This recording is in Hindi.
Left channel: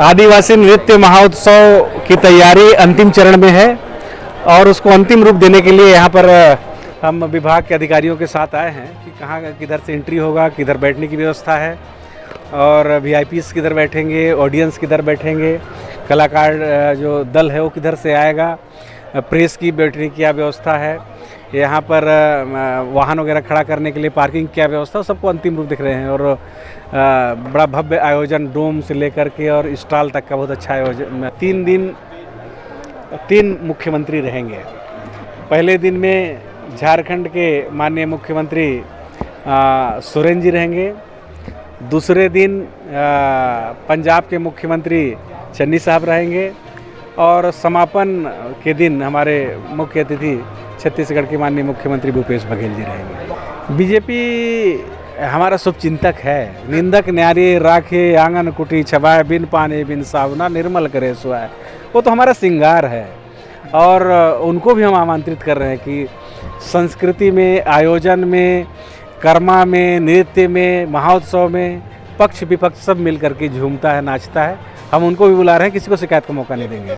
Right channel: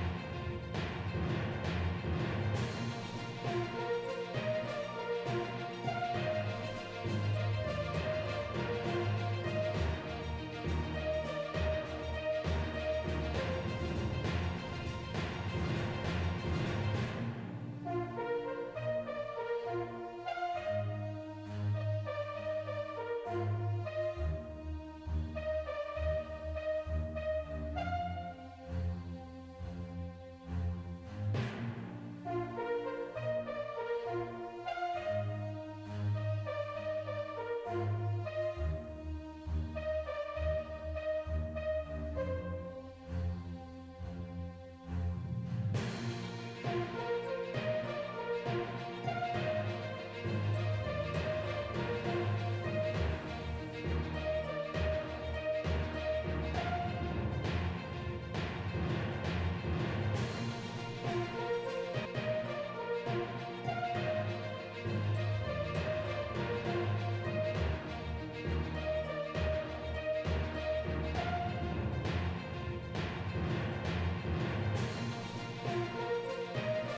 आदिवासी नृत्य महोत्सव की तैयारी अंतिम चरण में है और उसको अंतिम रूप देने के लिए यहाँ पर हम विभाग के अधिकारियों के साथ आए हैं कि कहाँ किधर से एंट्री होगा, किधर बैठने की व्यवस्था है और वीआईपीज़ किधर बैठेंगे, ऑडियंस किधर बैठेंगे, कलाकार जो दल है वो किधर से आएगा, प्रेस की बैठने की क्या व्यवस्था है, यहाँ पर वाहन वगैरह खड़ा करने के लिए पार्किंग क्या व्यवस्था, सबको अंतिम रूप दिख रहे हैं। और बड़ा भव्य आयोजन डोम से लेकर के और स्टॉल तक का बहुत अच्छा आयोजन। 3 दिन 3 मुख्यमंत्री रहेंगे। पहले दिन में झारखंड के माननीय मुख्यमंत्री सोरेन जी रहेंगे। दूसरे दिन पंजाब के मुख्यमंत्री चन्नी साहब रहेंगे और समापन के दिन हमारे मुख्य अतिथि छत्तीसगढ़ के माननीय मुख्यमंत्री भूपेश बघेल जी रहेंगे। बीजेपी हमारा शुभचिंतक है। निंदक न्यारी राखे आंगन कुटी छबाए, बिन पानी बिन सावना निर्मल करे सुहाए। वो तो हमारा श्रृंगार है और उनको भी हम आमंत्रित कर रहे हैं कि संस्कृति में, आयोजन में, कर्मा में, नृत्य में, महोत्सव में पक्ष विपक्ष सब मिल करके झूमता है, नाचता है। हम उनको भी बुला रहे हैं, किसी को शिकायत का मौका नहीं देंगे।